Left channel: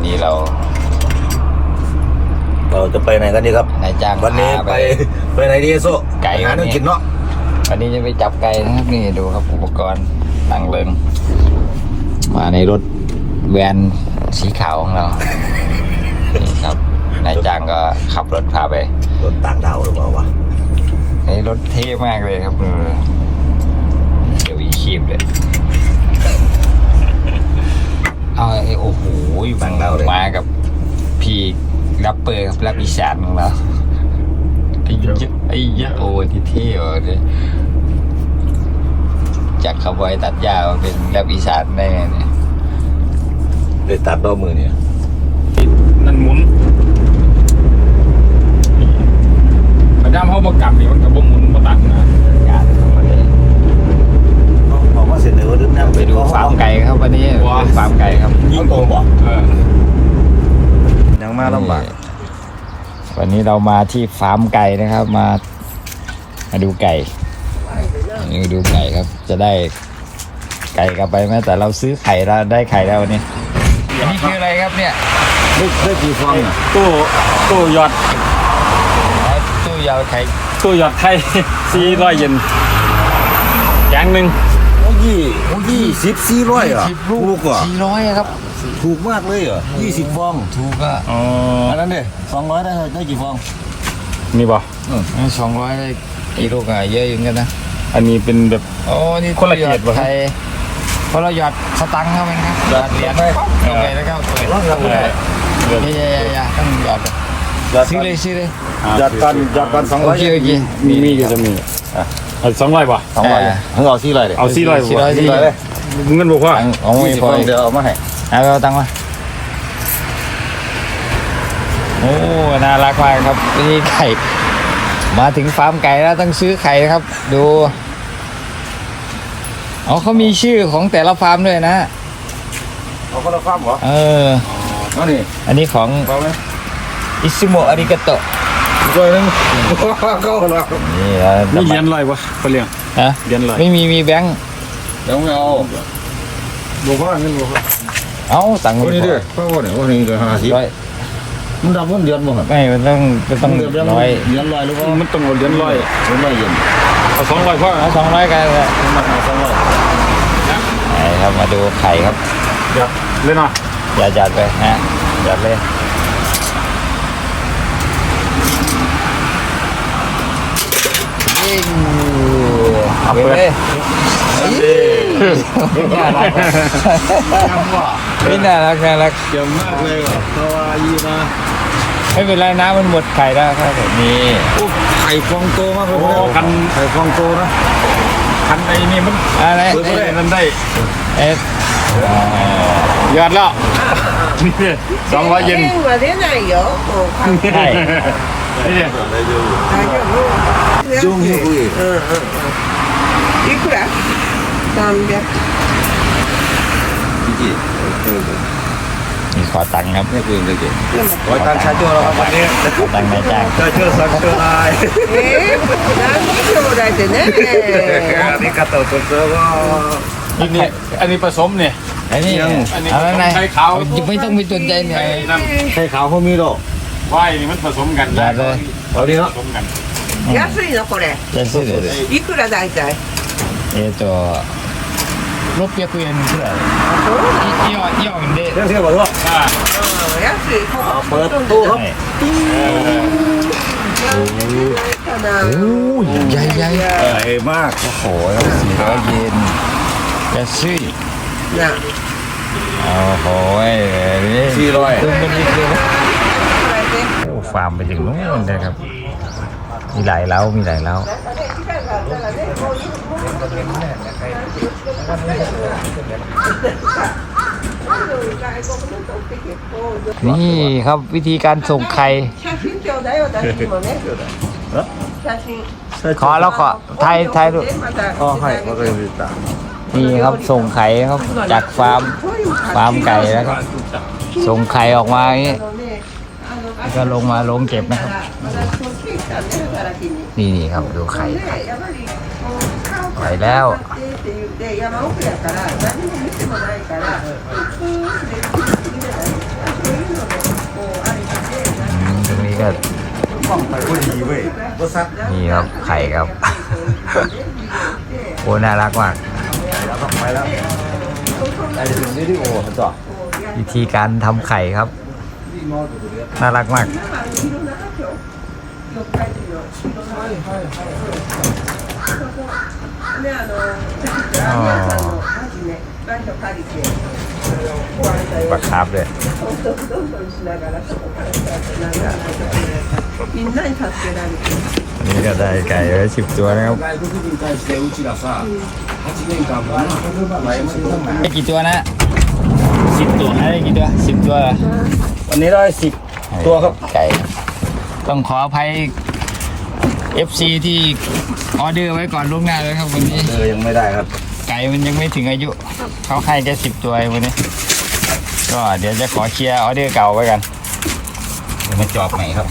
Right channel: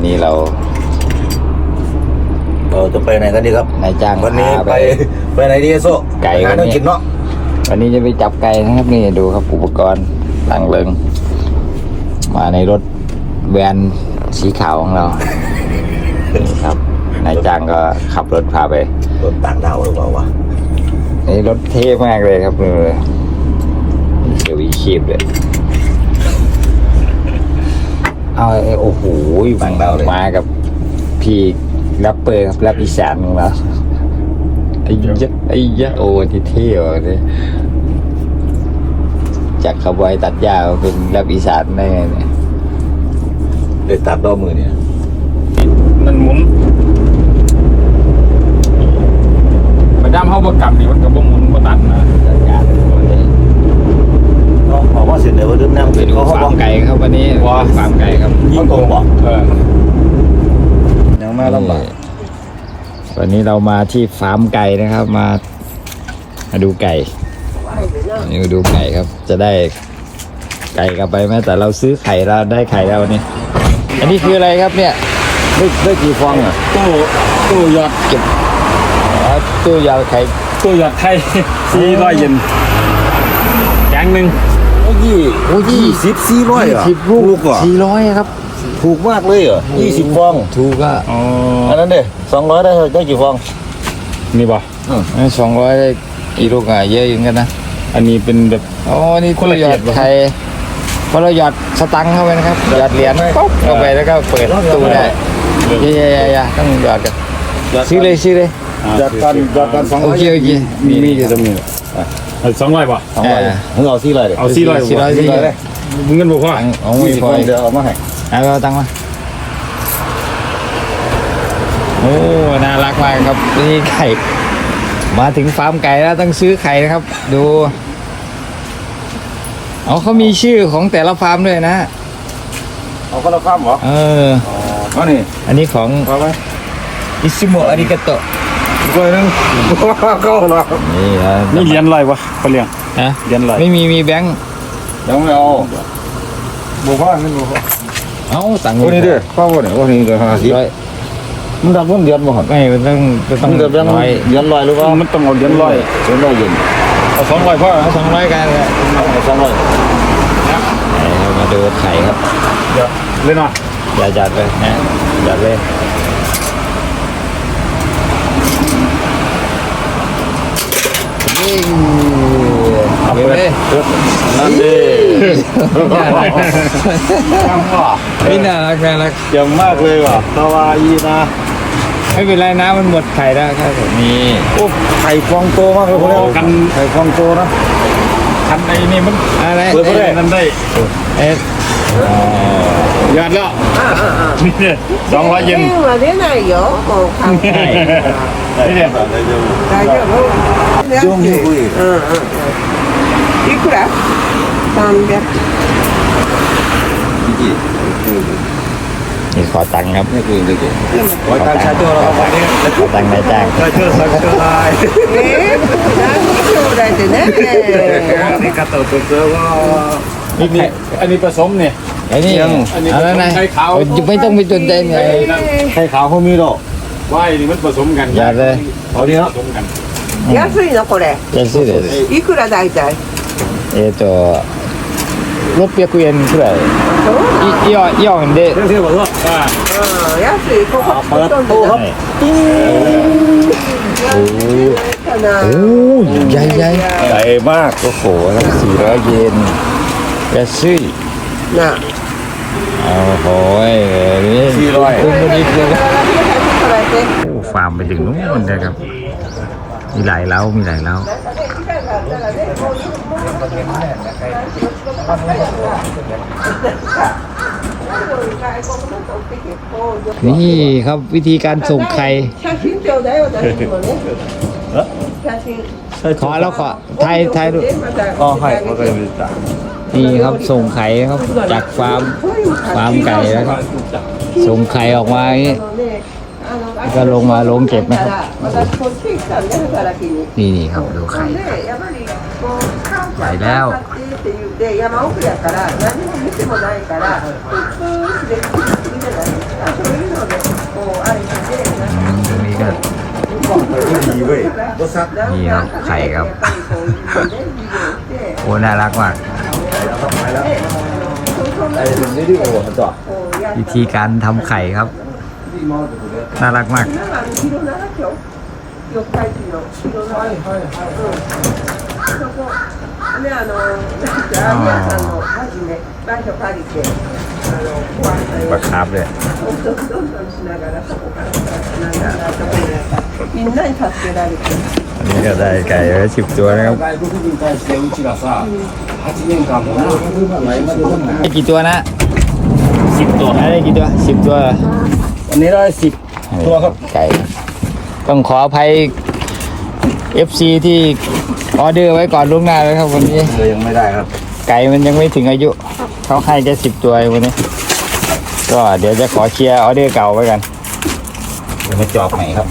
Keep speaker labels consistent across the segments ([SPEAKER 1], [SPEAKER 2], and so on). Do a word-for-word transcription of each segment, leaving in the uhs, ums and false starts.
[SPEAKER 1] วันนี้เรา
[SPEAKER 2] เราจะไปไหนกันดีครับวันนี้ไปไปไหนดีโซ่ไปหาเรื่องกินเนาะ
[SPEAKER 1] วันนี้จะไปจับไก่นะครับนี่ดูครับอุปกรณ์ต่างเริงมาในรถแวนสีขาวของเรานี่ครับนายจ้างก็ขับรถพาไป
[SPEAKER 2] รถต่างดาวหรือเปล่าวะ
[SPEAKER 1] นี่รถเท่มากเลยครับเดี๋ยวอีคีบเลยเอาโอ้โหบางดาวเลยมากับพี่รับเปอร์ครับรับอีสานของเราไอ้เยอะไอ้เยอะโอ้ที่เที่ยวเลยจากขบวยตัดหญ้าเป็นรับอีสานได้ไงเนี่ย
[SPEAKER 2] เลยตัดดอกมือเนี่ย
[SPEAKER 3] มันหมุนมาด้ามเข้าประกับนี่มันกับหมุนมาตัดนะ
[SPEAKER 1] ตัดหญ้า
[SPEAKER 2] เนาะเอาว่าเสร็จเดี๋ยวดึงนั่ง
[SPEAKER 1] เป็นฟาร์มไก่ครับวันนี้ฟาร์มไก่ครับ
[SPEAKER 2] ยิ่งโกงบอก
[SPEAKER 3] เออ
[SPEAKER 2] ยังมาลำบาก
[SPEAKER 1] วันนี้เรามาที่ฟาร์มไก่นะครับมามาดูไก่นี่มาดูไก่ครับจะได้ไก่กลับไปไหมแต่เราซื้อไข่เราได้ไข่แล้วนี่อันนี้คืออะไรครับเนี่ย
[SPEAKER 2] ได้ได้กี่ฟองอ่ะ
[SPEAKER 3] ตู้ตู้หยอด
[SPEAKER 1] ตู้หยอดไข่
[SPEAKER 3] ตู้หยอดไข่สี่ร้อยเยนแกงหนึ่ง
[SPEAKER 2] โอ้ยี่โอ้ยี่สิบสี่ร้อยอ่ะถูกอ่ะ
[SPEAKER 1] สี่ร้อยครับ
[SPEAKER 2] ถูกมากเลยเหรอยี่สิบฟอง
[SPEAKER 1] ถูกอ่ะ
[SPEAKER 3] อ๋อ
[SPEAKER 2] อันนั้นดิสองร้อยได้ได้กี่ฟอง
[SPEAKER 3] นี่ป่ะ
[SPEAKER 1] นี่สองร้อยได้อีลูกอ่ะเยอะอย่างกันนะ
[SPEAKER 3] อันนี้เป็นแบบ
[SPEAKER 1] อ๋อนี่
[SPEAKER 3] คนละเกียรติป่ะ
[SPEAKER 1] ไทยคนละหยอดสตังค์ให้มันครับหยอดเหรียญเข้าไปแล้วก็เปิดตู้ได้เยี่ยยต้องหยอดซื้อเลยซื้อเลย
[SPEAKER 2] หยอดกันหยอดกันสองร้อย
[SPEAKER 1] โอเค
[SPEAKER 3] มีมีอยู่ตรงนี้สองร้อยป่ะ
[SPEAKER 2] เออมึงเอาสี่ร้อยเลย
[SPEAKER 3] เอาสี่ร้อย
[SPEAKER 1] สี่ร้อยเลย
[SPEAKER 3] เงินบอกว่า
[SPEAKER 1] เอาไม่พอ
[SPEAKER 2] เดี๋ยวเอามาให้
[SPEAKER 1] เอาตังค์มาโอ้น่ารักมากครับนี่ไก่มาถึงฟาร์มไก่แล้วต้องซื้อไข่นะครับดูอ๋อเขามีชื่อของแต่ละฟาร์มด้วยนะ
[SPEAKER 2] เอาคนละฟาร์มเหรอ
[SPEAKER 1] เออ
[SPEAKER 2] อ๋อนี่
[SPEAKER 1] อันนี้ของอิซิโมะอาริกาโตะ
[SPEAKER 2] ก็นึงก็หรอ
[SPEAKER 1] นี่
[SPEAKER 3] นี่เหรียญลอยวะไปเรียง
[SPEAKER 1] ฮะ
[SPEAKER 3] เหรียญลอย
[SPEAKER 1] ไม่มีมีแบงค์
[SPEAKER 2] เดี๋ยวไม่เอาบอกว่าเงินบอกว่า
[SPEAKER 1] เอาตังค์
[SPEAKER 2] คนนี้ด้วยเข้าเนี่ยคนนี้เดือนห้าสิบมันดับมันเดือนบ่หัน
[SPEAKER 1] ไม่มันต้อง
[SPEAKER 2] ต้องเดือนร้อยเดือนร้อยหรือว่า
[SPEAKER 3] มันต้องเอาเดือนร้อย
[SPEAKER 2] เดือนร้อยเย็น
[SPEAKER 3] เอาสองร้อยพ่อ
[SPEAKER 1] เอาสองร้อยกันเลย
[SPEAKER 2] สองร้อย
[SPEAKER 1] เรามาดูไข่ครับ
[SPEAKER 3] เดี๋ยวเล่นหน่อย
[SPEAKER 1] อย่าจัดไปนะจัดเลย
[SPEAKER 3] เอาเปิด
[SPEAKER 2] นั่นดิ
[SPEAKER 1] ไม่น่ารักน่ารัก
[SPEAKER 2] เยี่ยมมากเลยว่ะตาวาอีนะ
[SPEAKER 1] ไม่เป็นไรนะมันหมดไข่แล้วครับนี่
[SPEAKER 2] โอ้ไข่ฟองโตมากเลย
[SPEAKER 3] กัน
[SPEAKER 2] ไข่ฟองโตนะ
[SPEAKER 3] คันไอ้นี่มัน
[SPEAKER 1] อะไร
[SPEAKER 3] เปิดได้นั่นได้
[SPEAKER 1] เอ๊ะ
[SPEAKER 3] ยอดแล้วนี่เนี่ยสองร้อยเยน
[SPEAKER 4] นี่เนี่ย
[SPEAKER 2] จุ่มอยู่คุย
[SPEAKER 4] いくら三百
[SPEAKER 1] นี่ขอตังค์ครับ
[SPEAKER 2] นี่คุยเลยจีขอตังค์ชาโจ้แล้วครับวันนี้
[SPEAKER 1] ขอตังค์นายจ้าง
[SPEAKER 2] ชาโจ้สังเกตไลน์
[SPEAKER 4] え何兄弟ってね
[SPEAKER 2] อันนี้กระตุ้นตัวเสือว่า
[SPEAKER 3] นี่นี่อันนี้ผสมเนี่ย
[SPEAKER 1] อันนี้อะไรนะไม่ต้องไปจนใจไง
[SPEAKER 2] ไข่ขาวเขามีหรอ
[SPEAKER 3] ว่าอันนี้มันผสมกัน
[SPEAKER 1] อย่าเลย
[SPEAKER 2] เอาดิเนาะ
[SPEAKER 4] 安いのこれ
[SPEAKER 1] 安いです
[SPEAKER 4] いくら大体
[SPEAKER 1] えっとろっぴゃくえんくらいイオンイオンで
[SPEAKER 2] เที่ยวเที่ยวบ่ทั่ว
[SPEAKER 3] อ่า
[SPEAKER 4] 安いここ
[SPEAKER 2] เปิดตู้ครับ
[SPEAKER 1] ติ้งโอ้ใหญ่ใหญ่
[SPEAKER 2] ใหญ่มาก
[SPEAKER 1] โอ้โหแล้วสี่ร้อยเยน安い
[SPEAKER 4] นะ
[SPEAKER 1] โอ้โหนี่
[SPEAKER 2] สี่ร้อย
[SPEAKER 1] คุณมันอีกเลยฟาร์มไปถึงนู้นเลยครับมีหลายเล้ามีหลายเล้านี่ครับวิธีการส่งไข่ขอแล้วขอไทยไทยดู
[SPEAKER 2] อ๋อให้
[SPEAKER 1] นี่ครับส่งไข่ครับจากฟาร์มฟาร์มไก่แล้วก็ส่งไข่ออกมาอย่างนี้ก็ลงมาลงเก็บนะครับนี่นี่ครับดูไข่ไปแล้ว
[SPEAKER 2] ที่โอ้เขาจ่อ
[SPEAKER 1] วิธีการทำไข่ครับ น่ารักมาก
[SPEAKER 4] ね、あの、ラーメン屋さんのはじめ、場所借りて、
[SPEAKER 1] บักครับเลย
[SPEAKER 4] どんどんどんどんしながら、そこからなんかみんなに助けられて。
[SPEAKER 1] นี่ก็ได้ไก่ไว้สิบตัวนะครับ
[SPEAKER 2] 外国人に対してうちがさはちねんかんもな
[SPEAKER 1] ได้กี่ตัวนะสิบตัวได้กี่ตัวสิบตัว
[SPEAKER 2] วันนี้ได้สิบตัวครับ
[SPEAKER 1] ไก่ต้องขออภัย เอฟ ซี ที่ออเดอร์ไว้ก่อนล่วงหน้าแล้วครับวันนี้
[SPEAKER 2] เออยังไม่ได้ครับ
[SPEAKER 1] ไก่มันยังไม่ถึงอายุเขาให้แค่สิบตัวเองวันนี้ก็เดี๋ยวจะขอเคลียร์ออเดอร์เก่าไว้กัน
[SPEAKER 2] เดี๋ยวไปจอบใหม่ครับ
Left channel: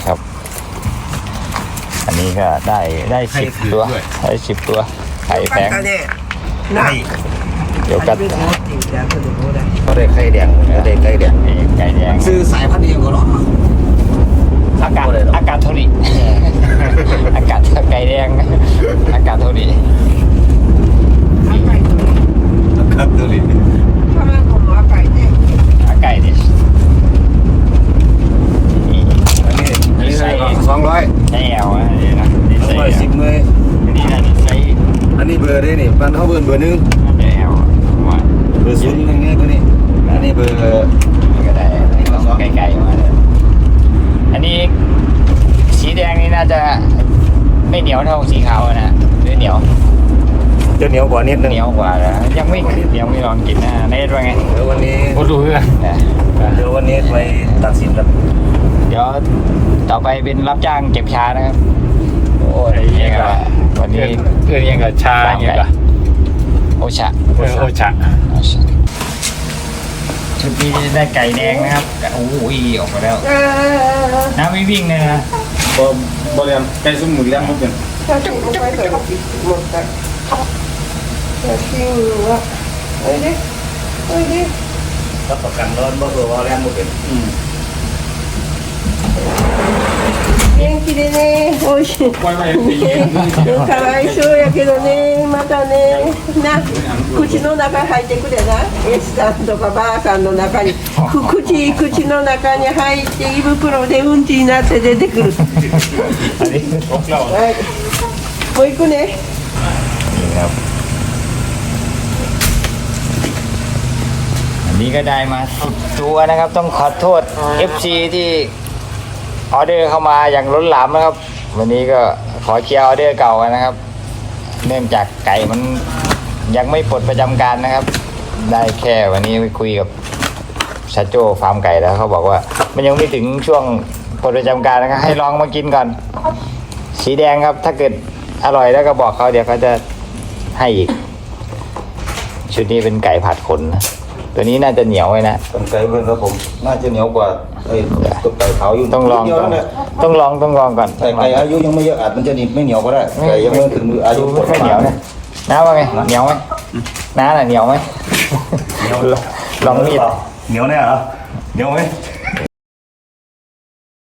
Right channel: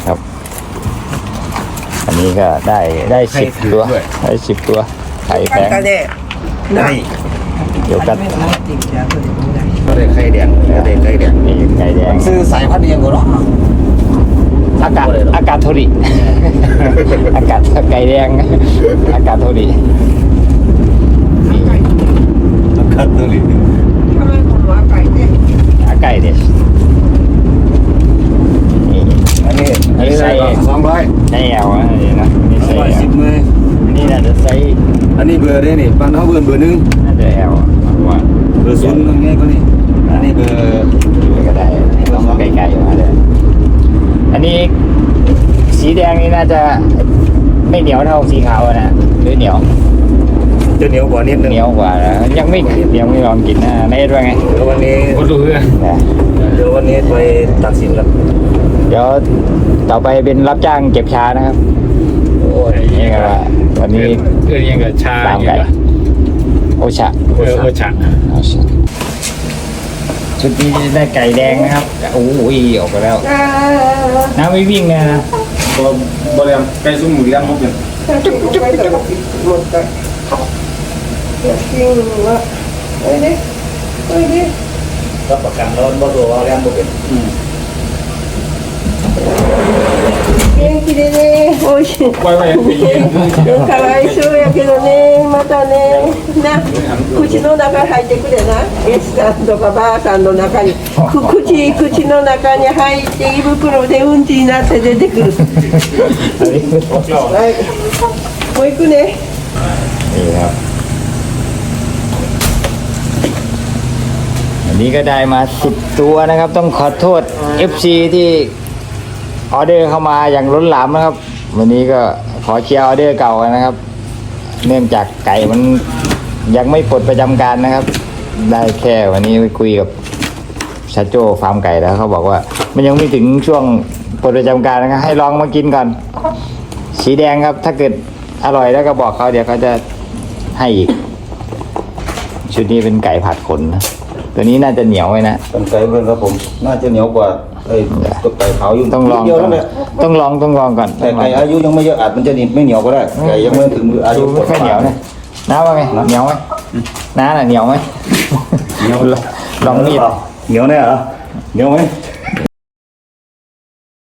[SPEAKER 1] อันนี้ก็ได้ได้สิบตัวได้สิบตัวไก่
[SPEAKER 4] よ
[SPEAKER 1] แพ
[SPEAKER 4] か
[SPEAKER 1] ง
[SPEAKER 4] ったね。
[SPEAKER 2] ได้
[SPEAKER 4] 初めて持ってみて、後でもらえ。
[SPEAKER 2] ก็ได้ไข่แดงก็ได้ไข่แดง
[SPEAKER 1] ไก่แดง
[SPEAKER 2] ซื้อสายพันธุ์เองก่อนเนาะ
[SPEAKER 1] อากาศอากาศทุริอากาศไก่แดงนะอากาศทุริ
[SPEAKER 2] ครับตัวนี้
[SPEAKER 4] 卵も赤いね。
[SPEAKER 1] อาไก่เนี่ย
[SPEAKER 2] อันนี้อันนี้ได้ก็สองร้อย
[SPEAKER 1] ไอ้เอาอะเดี๋ยวนะ
[SPEAKER 2] สองร้อยสิบเลย
[SPEAKER 1] อันนี้น่าจะใช้
[SPEAKER 2] อันนี้เบอร์นี่นี่ปันเขาเบอร์เบอร์หนึ่ง
[SPEAKER 1] น่าจะแอลว่า
[SPEAKER 2] เบอร์ศูนย์นั่นไงตัวนี้อันนี้เบอร์
[SPEAKER 1] ไก่ๆมาเลยอันนี้สีแดงนี่น่าจะไม่เหนียวเท่าสีขาวอะนะไม่เหนียว
[SPEAKER 2] จะเหนียวกว่านิดนึง
[SPEAKER 1] เหนียวกว่ายังไม่ยังไม่ยอมกินนะในด้วยไง
[SPEAKER 2] เดี๋ยววันนี้
[SPEAKER 3] ก็ดูเพื่อน
[SPEAKER 2] เดี๋ยววันนี้ไปตัดสินกัน
[SPEAKER 1] เดี๋ยวต่อไปเป็นรับจ้างเก็บชานะครับ
[SPEAKER 2] โอ้ย
[SPEAKER 3] ไอ้ยังกับ
[SPEAKER 1] วัน
[SPEAKER 3] เพื่
[SPEAKER 1] นี้
[SPEAKER 3] อนเพื่อนยังกับชายังกับ
[SPEAKER 1] โอชา
[SPEAKER 3] เออโอชะ
[SPEAKER 1] ชุดนี้ได้ไก่แดงนะครับโอ้โหออกไปแล้วน้ำไม่วิ่งเลยนะ
[SPEAKER 2] บ่บ่เรียมไก่ซุ้มหมูเลี้ยงบ่เป็น
[SPEAKER 4] ちょっとここへから持った。写真は、おいで、おいで。
[SPEAKER 2] รับประกันร้อนบ่ตัวว่าเลี้ยงบ่เป็น
[SPEAKER 4] 元気でね、おいしい。かわいそうやけどね、またね、な、口の中入ってくれな。S さんとかばあさんの中に、く口、口の中に入って胃袋でうんちになって出てくる。はい。もう行くね。
[SPEAKER 1] นี่ครับอันนี้ก็ได้มาสิบตัวนะครับ ต้องขอโทษ เอฟ ซี ที่ออเดอร์เข้ามาอย่างล้นหลามนะครับ วันนี้ก็ขอเคลียร์ออเดอร์เก่ากันนะครับ เนื่องจากไก่มันยังไม่ปลดประจำการนะครับ ได้แค่วันนี้คุยกับซาโจ้ฟาร์มไก่แล้วเขาบอกว่ามันยังไม่ถึงช่วงปลดประจำการนะครับให้ลองมากินก่อน สีแดงครับ ถ้าเกิดอร่อยแล้วก็บอกเขาเดี๋ยวเขาจะให้อีกชุดนี้เป็นไก่ผัดขนนะตัวนี้น่าจะเหนียวไว้นะ
[SPEAKER 2] เป็นไก่เงินครับผมน่าจะเหนียวกว่าไอ้ตุ๊กไก่ขาวอยู่
[SPEAKER 1] ต้องล
[SPEAKER 2] นิ
[SPEAKER 1] อ
[SPEAKER 2] ด
[SPEAKER 1] ง
[SPEAKER 2] เดียวแล้วแหละ
[SPEAKER 1] ต้องลองต้องลองก่อน
[SPEAKER 2] แต่ไก่อายุยังไม่เยอะอาจมันจะนิ่มไม่เหนียวก็ได้ไก่ยังไม่ถึงอายุ
[SPEAKER 1] ไม่เหนียวไหมเหนียวไหมเหนียวไหมน้าน่ะเหนียวไหม
[SPEAKER 2] เหนียวเหนียวเหนียวหรือเปล่าเหนียวแน่เหรอเหนียวไหม
[SPEAKER 1] เ